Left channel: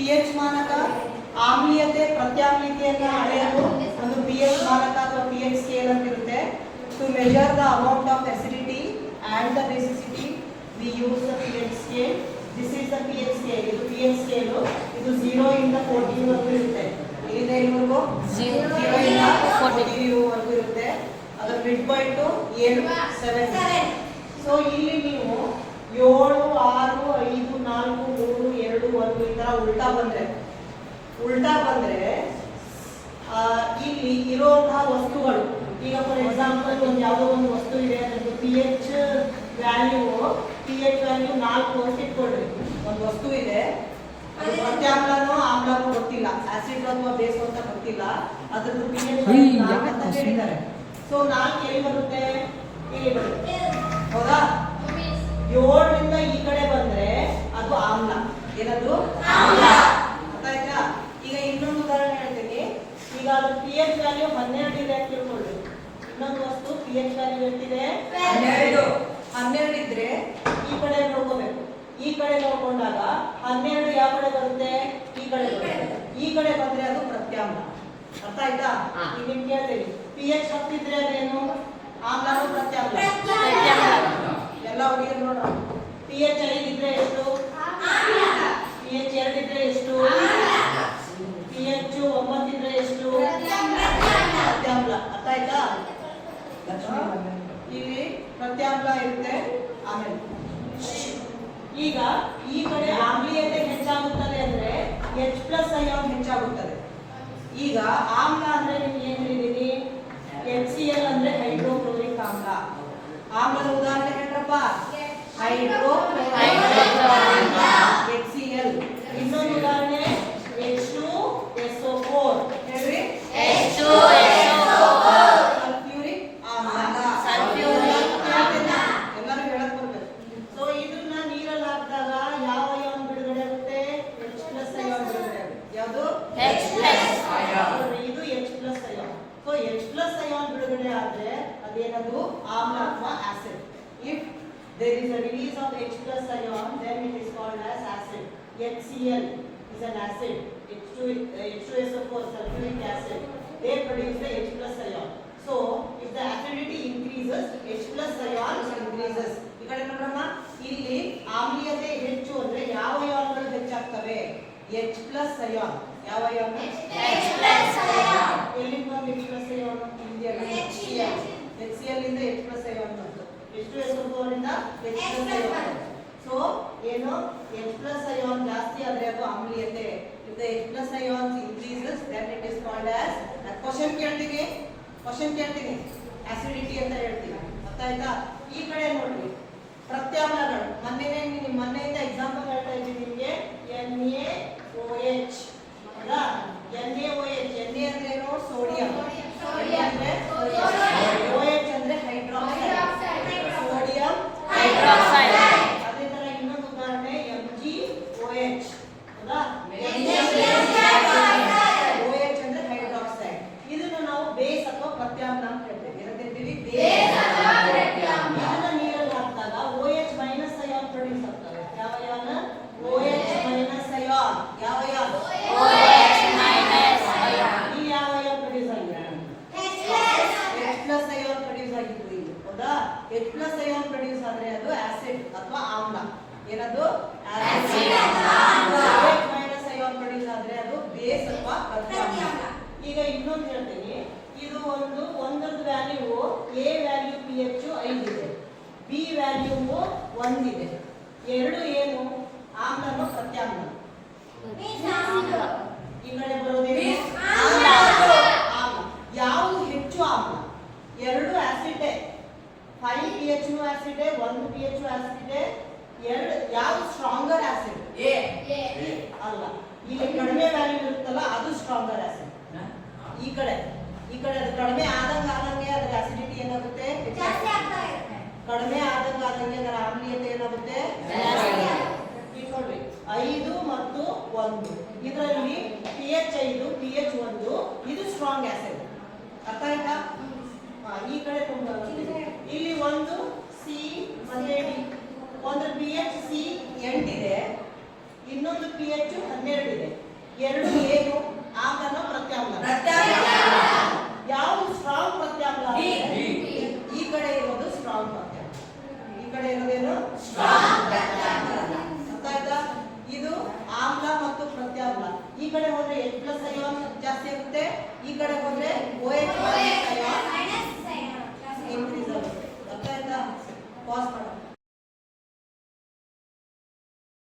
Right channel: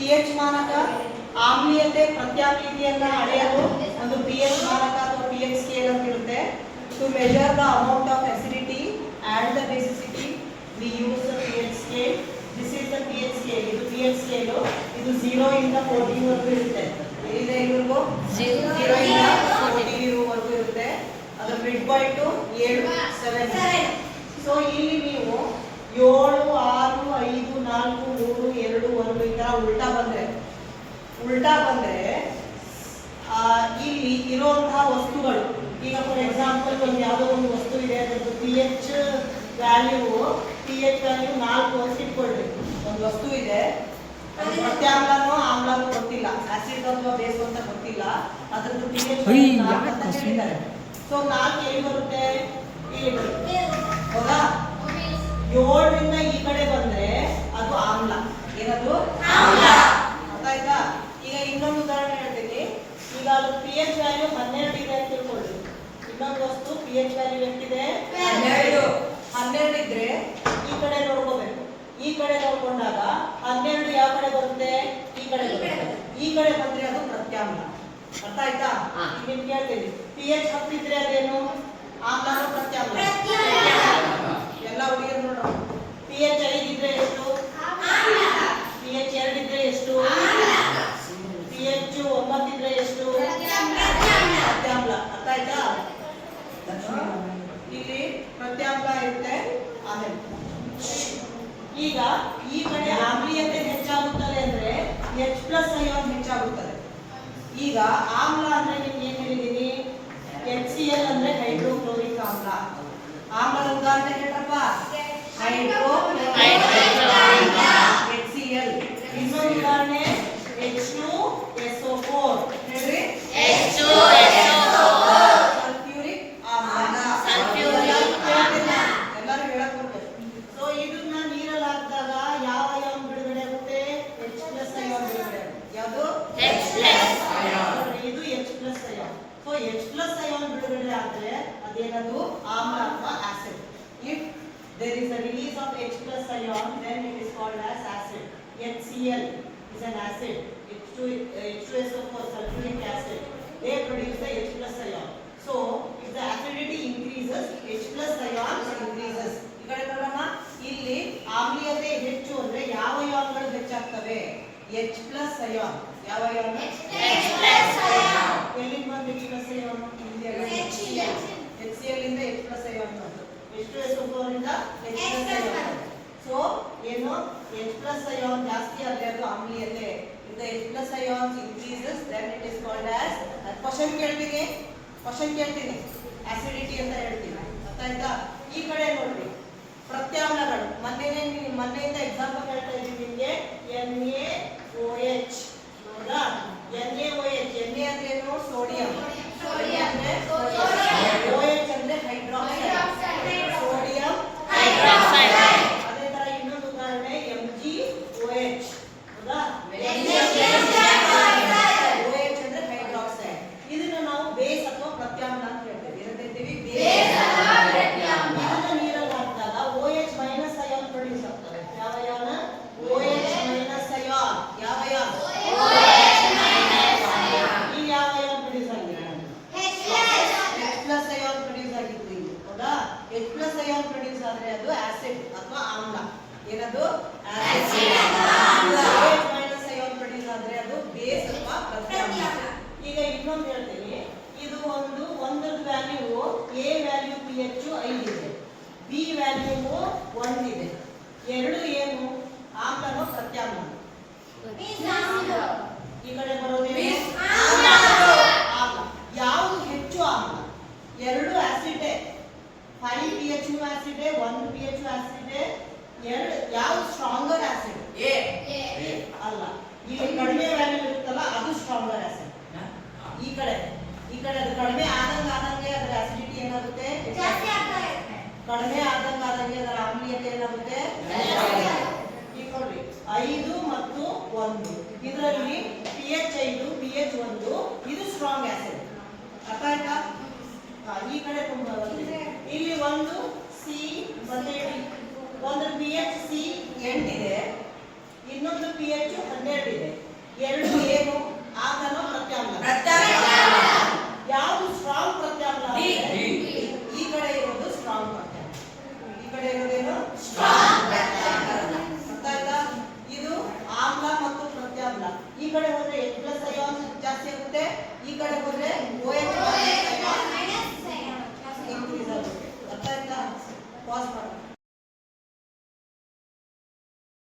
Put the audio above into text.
PH ಮಾನಕ ಆಮ್ಲೀಯತೆ ಪ್ರತ್ಯಾಮ್ಲೀಯತೆಯನ್ನು ಅಳೆಯಲು ಒಂದು ಪಿಎಚ್ ಮಾನಕ ಅಥವಾ ಪಿಎಚ್ ಸ್ಕೇಲ್ ಅಂತ ಇರುತ್ತೆ. To measure the amount of acidity and the basicity we use the pH scale. This is the pH scale. ಇದು pH scale. ಇದು 0 ಇಂದ 14 ವರೆಗೂ ಇರುತ್ತೆ. ಇದು ಎಲ್ಲಿವರೆಗೂ 0 ಇಂದ 14 ವರೆಗೂ ಇರುತ್ತೆ. ಅದರ ಮಿಡ್ ಪಾಯಿಂಟ್ 7. ಸೊ ಇಲ್ಲಿ ನೀವು 7 6 5 4 3 2 1 ಈ ತರ ಉಲ್ಟಾ ಬಂದ್ರೆ ಇಲ್ಲಿ ಇರುವಂತಹ ವಸ್ತುಗಳು, ಈಗ ಫಾರ್ ಎಕ್ಸಾಂಪಲ್ ಒಂದು ಯಾವುದೋ ಒಂದು ವಸ್ತು ಇದೆ, ಅದರದ್ದು pH ವ್ಯಾಲ್ಯೂ 4 ಅಂತ ಇಟ್ಕೊಳ್ರಿ. ಒಂದು ವಸ್ತು ಇದೆ, ಅದು ಪ್ರತ್ಯಾಮ್ಲನೋ ಆಮ್ಲನೋ ಗೊತ್ತಿಲ್ಲ, ಆಸಿಡ್ ಅಥವಾ ಬೇಸ್ ಅಂತ ಗೊತ್ತಿಲ್ಲ, ಅದರದ್ದು pH 4 ಅಂತ ಹೇಳಿದ್ದಾರೆ. ಸೊ 4 ಎಲ್ಲಿ ಬರುತ್ತೆ? ಇಲ್ಲಿ ಬರುತ್ತೆ, ಹೌದಾ? 7 ರಿಂದ ಈ ಕಡೆ ಬಂದ್ರೆ ಅದು ಆಮ್ಲ. ಏನದು? ಆಮ್ಲ. ಗೊತ್ತಾಯ್ತಾ? ಈಗ ಇನ್ನೊಂದು ಉದಾಹರಣೆ ಹೇಳ್ತೀನಿ. ಈಗ ಅದು pH ವ್ಯಾಲ್ಯೂ 12 ಇದೆ ಅಂತ ತಿಳ್ಕೊಳ್ಳಿ. ಇನ್ನೊಂದು ವಸ್ತು pH ವ್ಯಾಲ್ಯೂ ಎಷ್ಟಿದೆ? 12 ಇದ್ರೆ ಈ ಕಡೆ ನೋಡ್ಕೋಬೇಕು. ಈ ಕಡೆ ನೋಡ್ಕೊಂಡಾಗ 12 ಯಾವ ಕಡೆ ಬರುತ್ತೆ? ಈ ಕಡೆ ಬರುತ್ತೆ. ಈ ಕಡೆ ಬಂದ್ರೆ ಅದು ಪ್ರತ್ಯಾಮ್ಲ. ಅರ್ಥ ಆಯ್ತಾ? ಈಗ ನಿಮ್ಗೆ ಹೇಳ್ತೀನಿ, pH 10 ಇದ್ರೆ ಅದೇನು? ಆಮ್ಲನೋ ಪ್ರತ್ಯಾಮ್ಲ? ಎಲ್ಲ ಹುಡುಗರು ನೋಡೋಣ. pH 5 ಇದ್ರೆ ಎಷ್ಟು? pH 2 ಇದ್ರೆ ಎಷ್ಟು? pH 9 ಇದ್ರೆ ಎಷ್ಟು? ಪ್ರತ್ಯಾಮ್ಲ. ಅರ್ಥ ಆಯ್ತಾ? ಇಲ್ಲಿ ಪ್ರತ್ಯಾಮ್ಲ ಇರುತ್ತೆ. ಆಮೇಲೆ ಈಗ ಈ ಕಡೆ ಆಮ್ಲೀಯತೆ ಹೆಚ್ಚಾಗುತ್ತದೆ ಅಂದ್ರೆ H+ ಅಯಾನ್ ಹೆಚ್ಚಾಗುತ್ತದೆ. ಈಗ ಆಮ್ಲ ಅಂದ್ರೆ ನಿಮ್ಗೆ ಏನ್ ಹೇಳಿದೀನಿ? HCl ಅಂದ್ರೆ ಹೈಡ್ರೋಕ್ಲೋರಿಕ್ ಆಮ್ಲ. ಆಮ್ಲದ ಉದಾಹರಣೆ ಹೇಳ್ರಪ್ಪ. Hydrochloric HCl. ಇನ್ನೊಂದು ಉದಾಹರಣೆ H2SO4. ಹೇಳ್ರಿ, H2SO4 ಸಲ್ಫ್ಯೂರಿಕ್ ಆಮ್ಲ. ಎಲ್ಲರೂ ಹೇಳಕ್ ಬರ್ಬೇಕು. ಸೊ ಇದನ್ನ ನೀರಲ್ಲಿ ಹಾಕಿದಾಗ ಯಾವ ಅಯಾನ್ ಬಿಡುಗಡೆ ಆಗುತ್ತೆ? H+ ಅಯಾನ್ ಬಿಡುಗಡೆ ಆಗುತ್ತೆ. ಯಾವುದು? H+ ion. ಇದು H+ ion. So H+ ion ಬಿಡುಗಡೆ ಆದ್ರೆ ಅದೇನದು? ಆಮ್ಲ ಅಥವಾ acid. If there is a release of H+ ion, then it is called as acid. HCl is an acid. H2SO4 sulfuric acid. They produce the H+ ion. So if the acidity increases, H+ ion increases. ಈ ಕಡೆ ನೋಡೋಣ. ಇಲ್ಲಿ ಆಮ್ಲೀಯತೆ ಹೆಚ್ಚು ಅಂದ್ರೆ ಯಾವ ಅಯಾನ್ಗಳು ಹೆಚ್ಚಾಗ್ತವೆ? H+ ion. ಯಾವ ion? H+ ion. ಎಲ್ಲಿಂದ ಬಂತು H+ ಅಯಾನ್? ಇಲ್ಲಿಯಲ್ಲ, HCl ಇಂದ H+ ಅಯಾನ್ ಬಂತು. H2SO4 ಇಂದ H+ ಅಯಾನ್. ಸೊ ಏನು? H+ ಅಯಾನ್ ಜಾಸ್ತಿ ಆದ್ರೆ ಅದು ಆಮ್ಲೀಯತೆ. If the H+ ions increases, then it is called as question ಕೇಳ್ತೀನಿ, acidity ಅಂತ ಹೇಳ್ತೀನಿ. ಅರ್ಥ ಆಯ್ತಾ? ಈ ಕಡೆ ನೋಡ್ರಿ, ಪ್ರತ್ಯಾಮ್ಲಗಳು. ಮೊನ್ನೆಯಿಂದ ಎಕ್ಸಾಂಪಲ್ ಹೇಳ್ತಾ ಇದ್ದೀನಿ ನಿಮಗೆ. NaOH. ಹೌದಾ? NaOH. Na ಅಂದ್ರೆ ಏನು? ಸೋಡಿಯಂ. OH ಅಂದ್ರೆ ಹೈಡ್ರಾಕ್ಸೈಡ್. Sodium hydroxide. ಅದೇ ತರ ಇನ್ನೊಂದು ಉದಾಹರಣೆ MgOH. ಹೌದಾ? OH ಅಂದ್ರೆ ಹೈಡ್ರಾಕ್ಸೈಡ್. ಇದನ್ನ ನಾವು ಬೇಸ್ ಅಥವಾ ಪ್ರತ್ಯಾಮ್ಲ ಅಂತ ಹೇಳ್ತೀವಿ. ಏನಂತೀವಿ? ಬೇಸ್ ಅಥವಾ ಪ್ರತ್ಯಾಮ್ಲ. ಇದನ್ನ ನೀರಲ್ಲಿ ಹಾಕಿದಾಗ OH ಮೈನಸ್ ಅಯಾನ್ ಪ್ರೊಡ್ಯೂಸ್ ಆಗ್ತವೆ. ಯಾವ ಅಯಾನ್? OH minus ion. ಯಾವ ಅಯಾನ್? OH minus ion. ಇಲ್ಲಿ ಯಾವ ಅಯಾನ್ ಪ್ರೊಡ್ಯೂಸ್ ಆಗಿದೆ? H+ ಅಯಾನ್ ಪ್ರೊಡ್ಯೂಸ್ ಆಗಿತ್ತು ಇಲ್ಲಿ. ಹೌದಾ? H+ ಅಯಾನ್ ಪ್ರೊಡ್ಯೂಸ್ ಆದ್ರೆ ಅದು ಆಸಿಡ್ ಅಥವಾ ಆಮ್ಲ. ಏನದು? ಆಸಿಡ್ ಅಥವಾ ಆಮ್ಲ. OH ಮೈನಸ್ ಅಯಾನ್ ಪ್ರೊಡ್ಯೂಸ್ ಆದ್ರೆ ಅದು ಬೇಸ್ ಅಥವಾ ಪ್ರತ್ಯಾಮ್ಲ. ಈಗ ಇನ್ನೊಂದು ಹೇಳ್ತೀನಿ. ಇದು ಒಂದರದ್ದು ವ್ಯಾಲ್ಯೂ A ವ್ಯಾಲ್ಯೂ pH 5 ಇದೆ, B ವ್ಯಾಲ್ಯೂ 1 ಇದೆ. ಎರಡು ಏನು? ಆಮ್ಲನೋ ಪ್ರತ್ಯಾಮ್ಲ? ಈ ಕಡೆ ಬರೋದೇನು? ಆಮ್ಲ. ಯಾವುದು ಹೆಚ್ಚು ಆಮ್ಲ? ಎರಡು acid. 5 pH acid, 1 pH acid. ಎರಡು ಯಾವುದು ಸ್ಟ್ರಾಂಗರ್ ಆಸಿಡ್? A ಅಲ್ಲ. ಇಲ್ಲಿ ಕಡಿಮೆ ವ್ಯಾಲ್ಯೂ ಇರುತ್ತಲ್ಲ ಅದು ಸ್ಟ್ರಾಂಗರ್ ಆಸಿಡ್. ಈ ಕಡೆ ಅದು ಕಡಿಮೆ ಆದಂಗೆ ಅದರ ಆಸಿಡಿಟಿ ಏನಾಗುತ್ತೆ? ಕಡಿಮೆ ಆದಂಗೆ ಅದರ ಆಮ್ಲೀಯತೆ ಏನಾಗುತ್ತೆ? ಈಗ ನೋಡ್ರಿ, 5 ಮತ್ತು 1. ಇದರಲ್ಲಿ pH 5, pH 1. ಇದು ಸ್ಟ್ರಾಂಗ್ ಆಸಿಡ್. ಅರ್ಥ ಆಯ್ತಾ? ಈ ಕಡೆ ತುಂಬಾ ಇಲ್ಲಿ ಒಂದು C ಮತ್ತೆ D. ಒಂದು pH C 8 ಇದೆ, ಇನ್ನೊಂದು pH 12 ಇದೆ. 2 ಏನು